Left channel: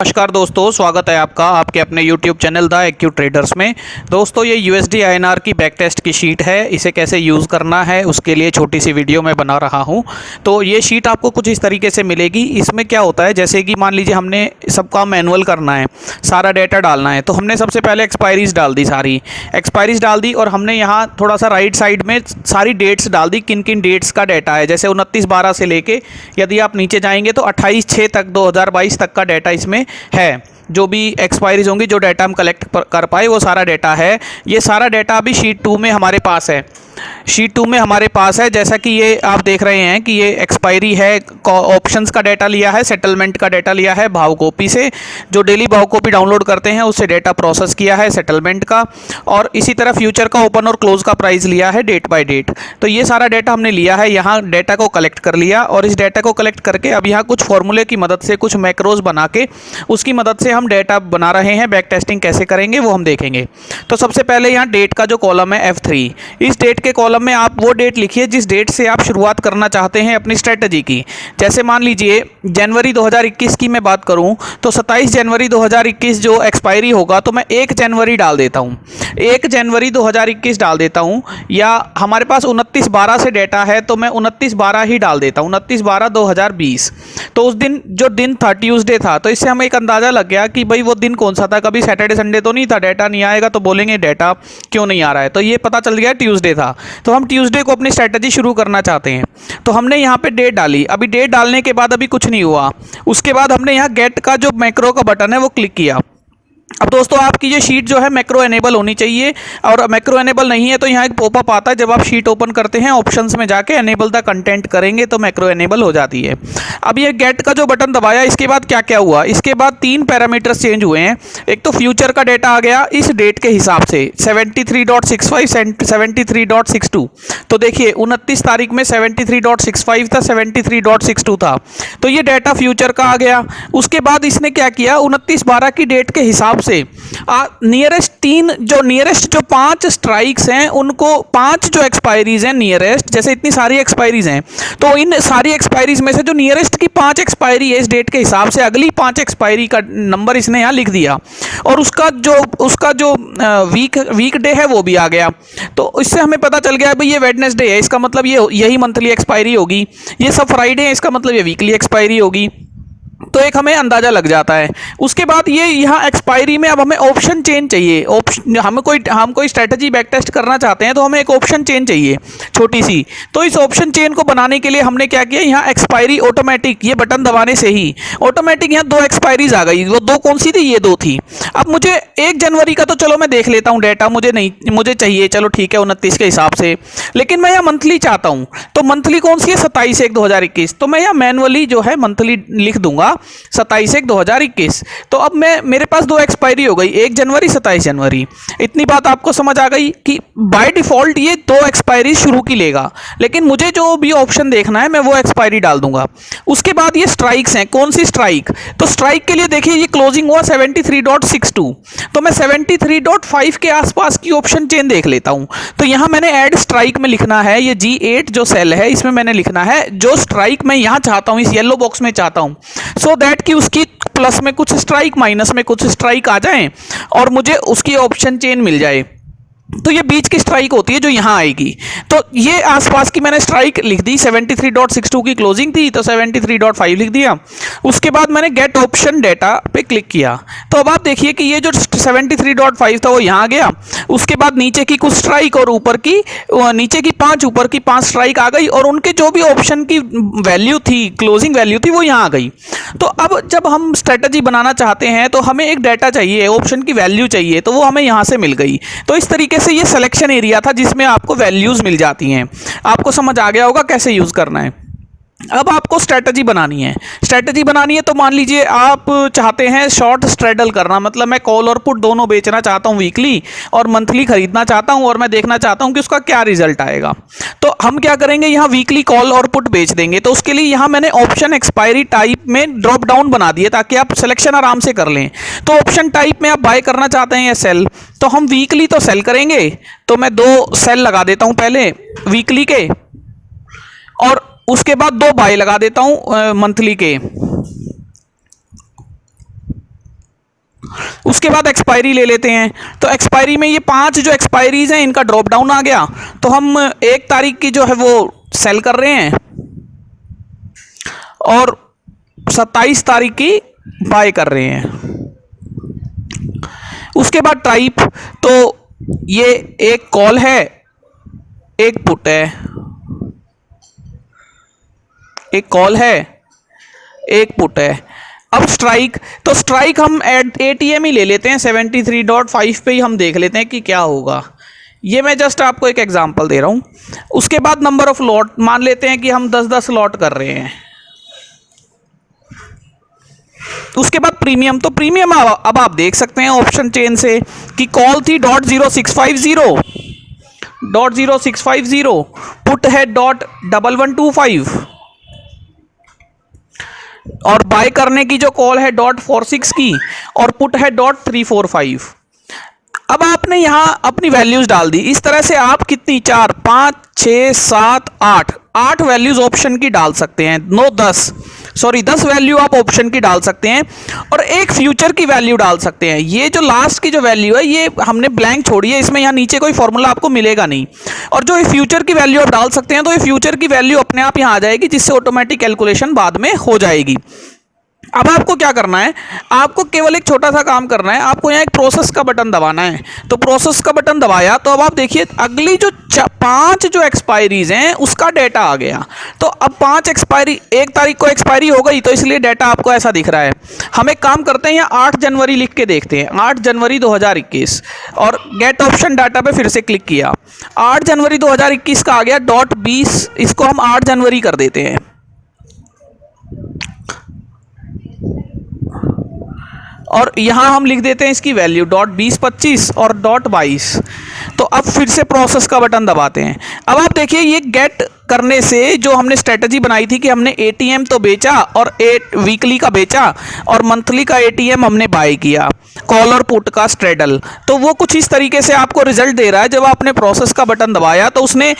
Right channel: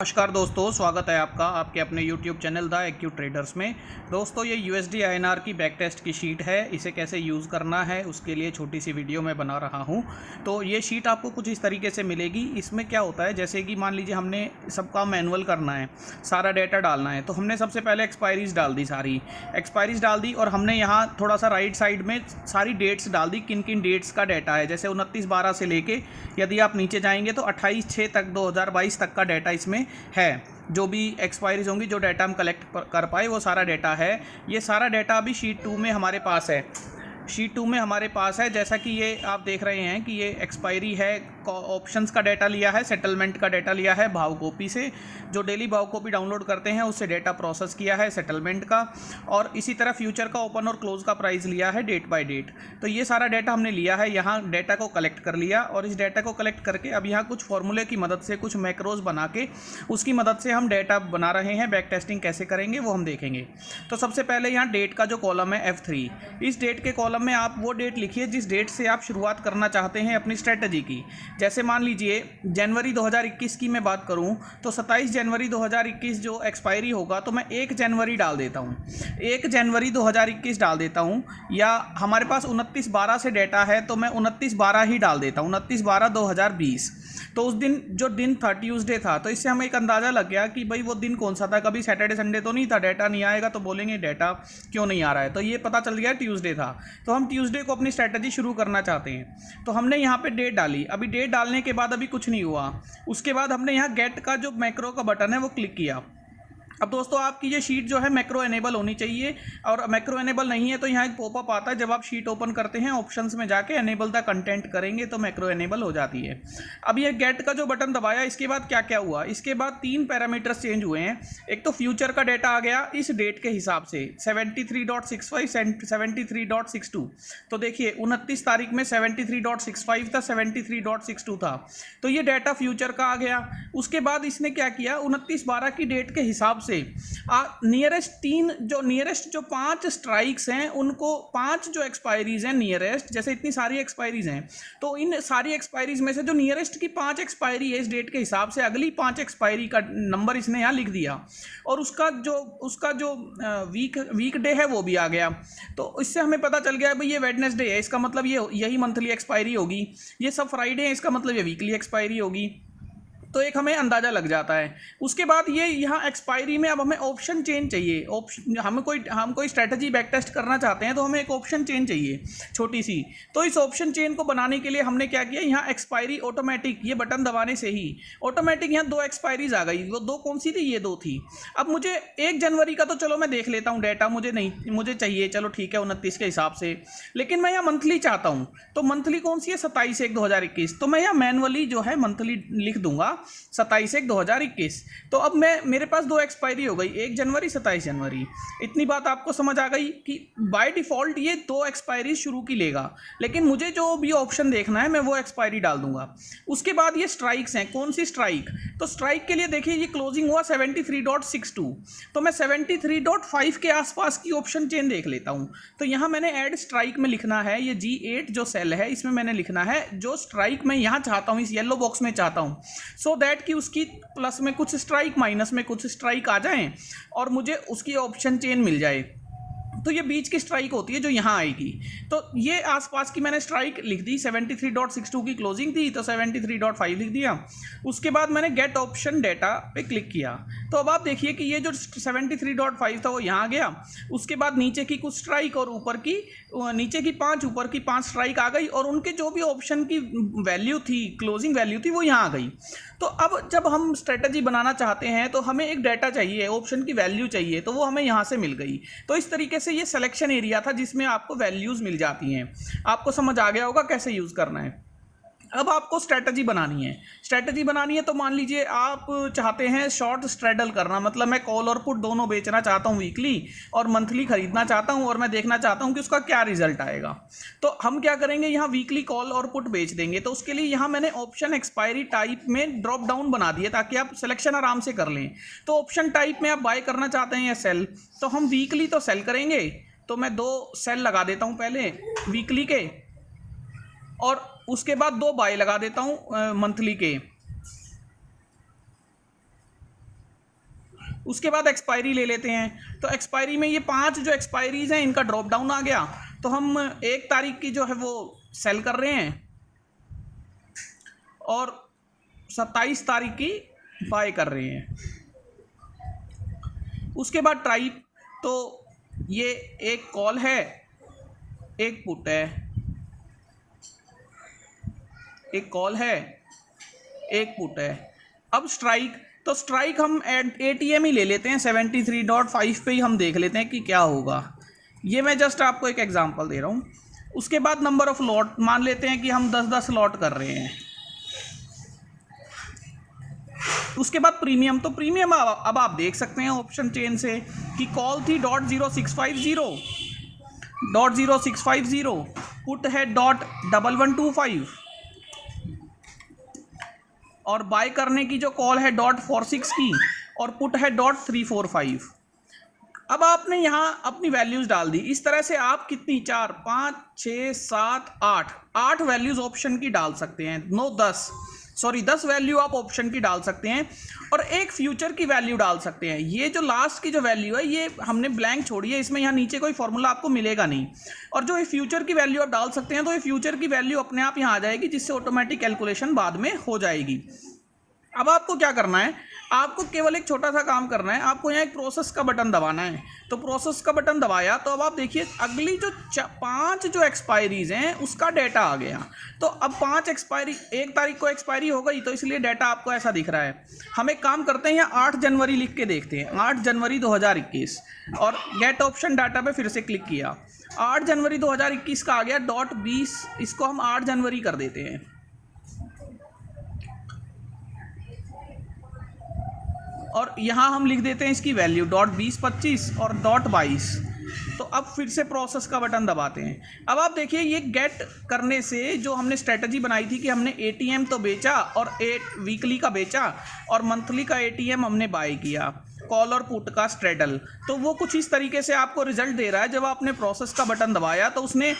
नमस्कार दोस्तों, स्वागत है आपका आपके अपने YouTube channel the AQ traders में। दोस्तों, ये USD INR की बैक टेस्ट की शीट है। इसे कैसे यूज़ करना है उसके लिए छोटी सी वीडियो मैं बना रहा हूँ। तो ये शीट आपको कुछ इस तरीके से मिलेगी। इसमें क्या होता है, जैसे कि मान लीजिए हमने सबका मैनुअल करना है, सारा डेटा डालना है, तो हमने सबसे पहले एक्सपायरीज डाल दी, सारी एक्सपायरीज डाल दी और हमने यहाँ थोड़ा सा राइट साइड में सारी डेट्स डाल दी, किन किन डेट्स का डाटा है। जैसे 29/12 से लेके यदि आप नीचे जाएंगे तो 28/6 तक 2022 तक का डाटा इसमें है। जो भी एक्सपायरीज होंगी, जो डाटा हम कलेक्ट कर पाए, वो सारा डाटा है। ये सारा डाटा अभी शीट 2 में हमारे पास है। शीट 2 में हमारे पास है, जैसा कि ये आप देख रहे हैं कि ये एक्सपायरी है, ऑप्शंस का डाटा लिया है, सेटलमेंट का डाटा लिया है भाव कॉपी से। जो डेली भाव कॉपी डाउनलोड करते हैं उससे डाटा प्रोसेस किया है सेटलमेंट का, और इसी तरह फ्यूचर का ओपन और क्लोज का प्राइस लिया है डेट बाय डेट। तो ये सारा डाटा हमने लिया है, यहाँ डाटा को कलेक्ट कर लिया, और इस डाटा को कलेक्ट करके अब यहाँ कुछ फॉर्मूले की मदद से, कुछ मैक्रोज बना के उसकी मदद से हम डाटा बना रहे हैं। बैक टेस्टिंग कैसे करेंगे वो हम देखेंगे। तो सबसे पहले यहाँ डेट का जो कॉलम है F3, इस डेट के कॉलम में आप वो डेट लिखिए जिस डेट से आप शुरुआत करना चाहते हैं अपनी स्ट्रेटजी की। जैसे मान लीजिए जनवरी 2021 की मैं बात करूं तो 27 जनवरी 2021 जो एक्सपायरी होगा, तो मैं 1 जनवरी डाल देता हूं, 1 जनवरी 2021 डाल देता हूं। या हमारे पास 29/12 से डेटा है तो मैं 29/12 ही डाल देता हूं, 29/12/2020। तो उस दिन जो दिन था ट्यूसडे था, तो इससे हमें एक अंदाज़ा लग गया कि भाई वो दिन कौन सा था। कभी सैटरडे संडे तो नहीं था। डाटा नहीं आएगा तो बोलेंगे डाटा क्यों नहीं आ रहा है, तो ये पता चल गया ट्यूसडे था। तो हम ट्यूसडे को अपनी स्ट्रैटेजी शुरू करना चाहते हैं, तो हमने यहाँ पे डेट डाली। अभी डेट डालने के बाद अभी कुछ नहीं हुआ। उसके बाद हमने यहाँ गेट का जो मैक्रो का बटन है वो क्लिक किया। अब दोस्तों, आपकी ये शीट जो है मैक्रो एनेबल होनी चाहिए, और मैक्रो एनेबल नहीं है तो यहाँ एक पॉपअप आता है। जब आप शीट ओपन करते हैं, ऑप्शंस में जाके एनेबल द कंटेंट करेंगे तो मैक्रो एनेबल हो जाती है। अब ये गेट का जो बटन दबाया, इसके बाद क्या क्या हुआ, इसके बाद 3 पैरामीटर्स चेंज हुए हैं। एक तो फ्यूचर का डेटा आ गया इस डेट के हिसाब से 73.65 73.62। तो देखिए 29 तारीख में 73.65 था, 73.62 था, तो ये डाटा फ्यूचर का आ गया। उसके बाद इसने क्या किया, 29/12 की डेट के हिसाब से नियरेस्ट जो 5 स्ट्राइक्स हैं उनको, 5 जो एक्सपायरीज हैं नियरेस्ट, जैसे इतनी सारी एक्सपायरीज हैं, तो इन सारी एक्सपायरीज में से जो नियरेस्ट की 5 एक्सपायरी है इस डेट के हिसाब से, अगली 5 एक्सपायरी का नंबर इसने यहाँ लिख दिया, और उसका जो वीक डे है वो भी आ गया। तो इससे हमें पता चल गया भाई ये वेडनेसडे है, इसका मतलब ये यही मंथली एक्सपायरी होगी। ये सब फ्राइडे है, इसका मतलब ये वीकली एक्सपायरी होगी। तो एक हमें अंदाज़ा लग जाता है। उसके बाद ये यहाँ एक्सपायरी में अब हमें ऑप्शन चेन चाहिए। ऑप्शन हम कोई स्ट्रेटजी बैक टेस्ट करना चाहते हैं तो हमें एक ऑप्शन चेन चाहिए छोटी सी। तो इस ऑप्शन चेन को बनाने के लिए हमने क्या किया, यहाँ एक्सपायरी ऑटोमेटिक, ये बटन दबाने से ही ऑटोमेटिक यहाँ 2 एक्सपायरीज आ गई। वो 2 कौन सी थी, ये 2 थी। अब मुझे 1 जनवरी का तो चलो मैं देख लेता हूँ डाटा, मुझे चाहिए, चलो ठीक है 29 के हिसाब से, लेकिन मैं यहाँ मंथली चाहता हूँ। तो मंथली कौन सी है, 27/1/2021। तो मैं यहाँ मैनुअली जो है मंथली लिख दूंगा 27/1/2021। तो अब मेरे पास 2 एक्सपायरी हो गई, 1 जनवरी 27 जनवरी। इतनी बात आपको समझ आ गई कि बाय डिफॉल्ट ये 2 एक्सपायरी शुरू की लेगा, लेकिन मुझे जो भी ऑप्शन देखना है मैं वो एक्सपायरी डाल दूंगा। उसके बाद ये स्ट्राइक्स हैं, कौन सी स्ट्राइक, तो स्ट्राइक के लिए देखिए ये क्लोजिंग हुआ 73.62, तो मैं 73.5 के आसपास की ऑप्शन चेन देख लेता हूं। तो यहां मैंने ऐड स्ट्राइक में लिखना है, ये G8 जो सेल है इसमें मैंने लिखना है जो स्ट्राइक मैं यहां चाहता हूं, इस येलो बॉक्स में चाहता हूं, सो दैट कि उसकी प्लस में कुछ स्ट्राइक, माइनस में कुछ स्ट्राइक आ जाएं और मुझे उसकी ऑप्शन चेन मिल जाए। तो ये बीच की स्ट्राइक होती है जो यहाँ आएगी। तो ये आसपास की मैंने स्ट्राइक लिख दी, 73.62 की क्लोजिंग थी तो 73.5 लिख दिया। उसके बाद मैंने गेट ऑप्शन डेटा पे क्लिक किया। तो अब आप देखिए कि ये जो 73.5 था वो यहाँ आ गया। उसके बाद नीचे की कुछ स्ट्राइक और नीचे की 5, ऊपर की 5 स्ट्राइक आ गई, और उनके जो भी ऑप्शन की वैल्यू थी, क्लोजिंग वैल्यू थी, वो यहाँ आ गई। तो अब जब हम स्ट्रेटजी बनाना चाहते हैं तो हमें एक डाटा चाहिए, ऑप्शन की वैल्यू चाहिए, तो वो हमें यहाँ से मिल गई। तो इस तरीके से ये सिलेक्शन एरिया था जिसमें आपको वैल्यूज मिल जाती हैं। आपको समझ आ गया होगा कैसे यूज करना है। अब आपको स्ट्रेटजी बनानी है तो मान लीजिए आप चाहते हैं शॉर्ट स्ट्रेडल करना, मतलब मैं कॉल और पुट दोनों बेचना चाहता हूं वीकली, और मंथली खरीदना चाहता हूं, और मैं देखना चाहता हूं कि उसका क्या रिजल्ट आएगा। तो हम क्या करेंगे, यहां वीकली कॉल और पुट बेच देंगे। तो उसके लिए यहां मैंने ऑप्शन एक्सपायरी टाइप में ड्रॉप डाउन बना दिए ताकि आप सिलेक्शन आराम से कर लें। तो ऑप्शन टाइप में आप बाय करना चाहते हैं या सेल, तो हम वीकली तो सेल करेंगे। तो मैं 2 सेल लगा देता हूं पहले वीकली के, और उसके बाद 2 बाय लगा देता हूं मंथली के। उसके बाद एक्सपायरी ले लेते हैं। तो एक्सपायरी में ये 5 जो एक्सपायरीज हैं इनका ड्रॉप डाउन आ गया। तो हम 1 तारीख की जो है वो सेल कर रहे हैं और 27 तारीख की बाय कर रहे हैं। उसके बाद टाइप, तो ये एक कॉल है, एक पुट है, एक कॉल है, एक पुट है। अब स्ट्राइक, तो स्ट्राइक हम एटीएम ही ले लेते हैं, 73.5 पे ही हम देख लेते हैं कि क्या होगा। ये मैं जस्ट आपको एक एग्जांपल दे रहा हूँ। उसके बाद नंबर ऑफ लॉट मान लेते हैं कि हम 10-10 लॉट कर रहे हैं। उसके बाद प्रीमियम, तो प्रीमियम अब आप देख सकते हैं ऑप्शन चेन से कि कॉल थी .0650, पुट है .1125 और बाय करने की जो कॉल है .46 की और पुट है .345। अब आपने यहां अपनी वैल्यूज डाल दी। इस तरह से आप कितनी 4, 5, 6, 7, 8 वैल्यूज ऑप्शन की डाल सकते हैं। 10 वैल्यू आप ऑप्शन की डाल सकते हैं और एक फ्यूचर की वैल्यू डाल सकते हैं। ये जो लास्ट की जो वैल्यू है ये हमने ब्लैंक छोड़ी है, इसमें यहाँ नीचे कोई फॉर्मूला आपको मिलेगा नहीं। और जो ये फ्यूचर की वैल्यू आप डाल सकते हैं तो ये फ्यूचर की वैल्यू अपने आप यहाँ आ जाएगी, जिससे ऑटोमेटिक कैलकुलेशन बाद में हो जाएगी। अब आपको क्या करना है, आपको केवल एक छोटा सा काम करना है। आपको यहाँ एक प्रोसेस का बटन दबाना है। तो प्रोसेस का बटन दबाया तो अब आप देखिए अगली जो 5 जो एक्सपायरीज हैं उसका डेटा आ गया। तो अब 5 एक्सपायरी, 1 तारीख को एक्सपायरी हो गई तो इसलिए डेटा आपको ऐसा दिख रहा है। हम एक काम करते हैं, यहाँ 8 जनवरी लिख के देखते हैं, 8 जनवरी 2021 और गेट ऑप्शन डाटा पे फिर से क्लिक किया। 8 जनवरी 2021 का आ गया .20, इसको हम 8 जनवरी कर देते हैं और यहां हम लिख देते हैं इसकी वैल्यू .2025 और .22। तो अब फिर से प्रोसेस का बटन दबाते हैं। अब आप देखिए ये गेट करने से जो हमने स्ट्रेटजी बनाई थी कि हमने एटीएम तो बेचा और वीकली का बेचा और मंथली का एटीएम हमने बाय किया, कॉल और पुट का स्ट्रेडल, तो वो कुछ इस तरीके से आपको रिजल्ट दे रहा है। जब आपने प्रोसेस का बटन दबाया तो उसने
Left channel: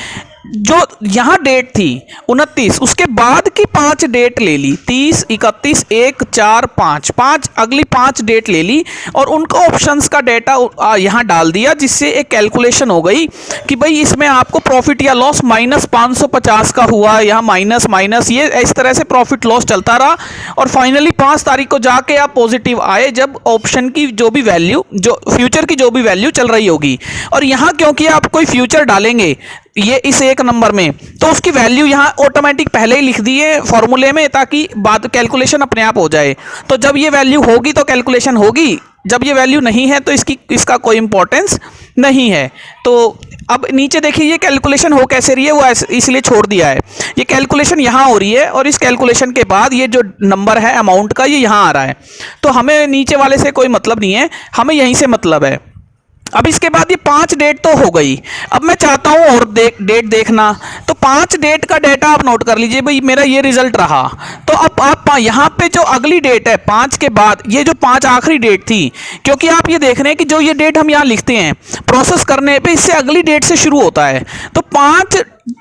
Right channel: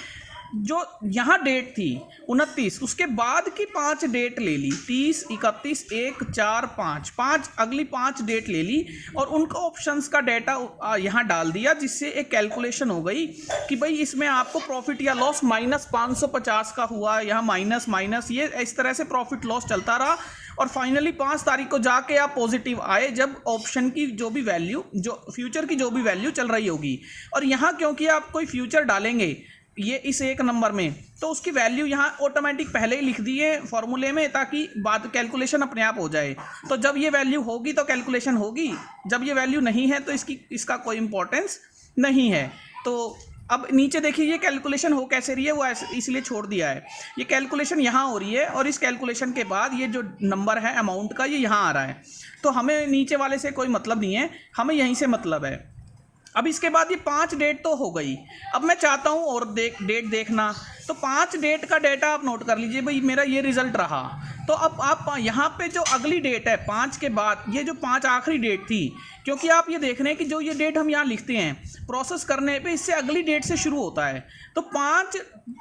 जो यहाँ डेट थी 29, उसके बाद की 5 डेट ले ली, 30, 31, 1, 4, 5 अगली 5 डेट ले ली और उनको ऑप्शंस का डेटा यहाँ डाल दिया, जिससे एक कैलकुलेशन हो गई कि भाई इसमें आपको प्रॉफिट या लॉस -550 का हुआ, यहाँ माइनस ये इस तरह से प्रॉफिट लॉस चलता रहा और फाइनली 5 तारीख को जाके आप पॉजिटिव आए, जब ऑप्शन की जो भी वैल्यू, जो फ्यूचर की जो भी वैल्यू चल रही होगी। और यहाँ क्योंकि आप कोई फ्यूचर डालेंगे ये इस एक नंबर में, तो उसकी वैल्यू यहाँ ऑटोमेटिक पहले ही लिख दी है फॉर्मूले में, ताकि बाद कैलकुलेशन अपने आप हो जाए। तो जब ये वैल्यू होगी तो कैलकुलेशन होगी, जब ये वैल्यू नहीं है तो इसका कोई इंपॉर्टेंस नहीं है। तो अब नीचे देखिए ये कैलकुलेशन हो कैसे रही है, वो इसलिए छोड़ दिया है। ये कैलकुलेशन यहाँ हो रही है और इस कैलकुलेशन के बाद ये जो नंबर है अमाउंट का ये यहाँ आ रहा है। तो हमें नीचे वाले से कोई मतलब नहीं है, हमें यहीं से मतलब है। अब इसके बाद ये 5 डेट तो हो गई। अब मैं चाहता हूँ और डेट देखना, तो 5 डेट का डेटा आप नोट कर लीजिए, भाई मेरा ये रिजल्ट रहा। तो अब आप यहाँ पे जो अगली डेट है 5 के बाद, ये जो 5 आखिरी डेट थी, क्योंकि आप ये देख रहे हैं कि जो ये डेट हम यहाँ लिखते हैं प्रोसेस करने पे, इससे अगली डेट से शुरू होता है। तो 5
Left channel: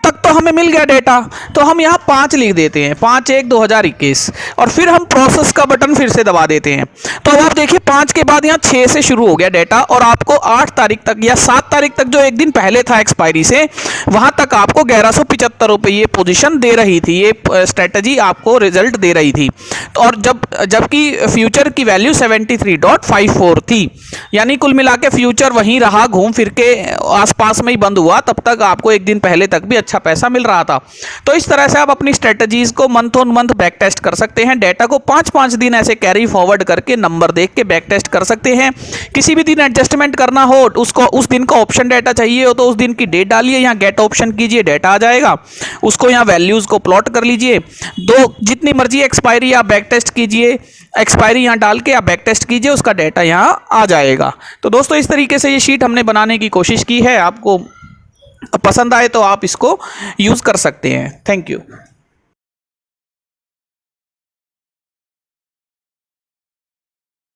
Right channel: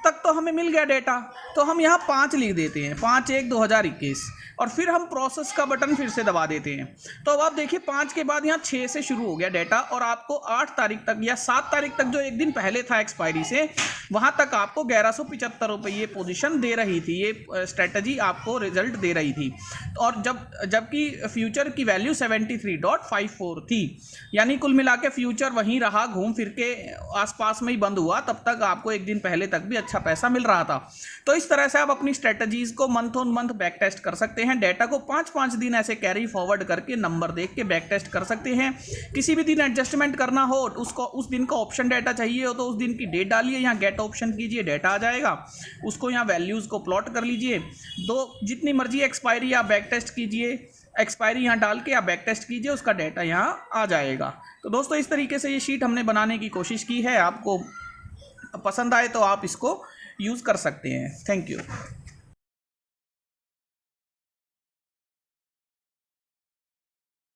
तक तो हमें मिल गया डेटा, तो हम यहाँ 5 लिख देते हैं, 5/1/2021 और फिर हम प्रोसेस का बटन फिर से दबा देते हैं। तो अब आप देखिए 5 के बाद यहाँ 6 से शुरू हो गया डेटा और आपको 8 तारीख तक या 7 तारीख तक, जो एक दिन पहले था एक्सपायरी से, वहाँ तक आपको 1175 रुपये ये पोजीशन दे रही थी, ये स्ट्रेटजी आपको रिजल्ट दे रही थी। तो और जबकि फ्यूचर की वैल्यू 73.54 थी, यानी कुल मिला के फ्यूचर वहीं रहा, घूम फिर के आसपास में ही बंद हुआ, तब तक आपको एक दिन पहले तक भी अच्छा पैसा मिल रहा था। तो इस तरह से आप अपनी स्ट्रेटजीज को month on month back test कर सकते हैं। डेटा को 5-5 दिन ऐसे कैरी फॉरवर्ड करके नंबर देख के बैक टेस्ट कर सकते हैं। किसी भी दिन एडजस्टमेंट करना हो, उसको उस दिन का ऑप्शन डाटा चाहिए हो तो उस दिन की डेट डालिए, यहाँ गेट ऑप्शन कीजिए, डेटा आ जाएगा, उसको यहाँ वैल्यूज को प्लॉट कर लीजिए। जितनी मर्जी एक्सपायरी आप बैक टेस्ट कीजिए, एक्सपायरी यहाँ डाल के आप बैक टेस्ट कीजिए, उसका डेटा यहाँ आ जाएगा। तो दोस्तों इस तरीके से ये शीट हमने बनाने की कोशिश की है, आपको पसंद आए तो आप इसको यूज़ कर सकते हैं। Thank you.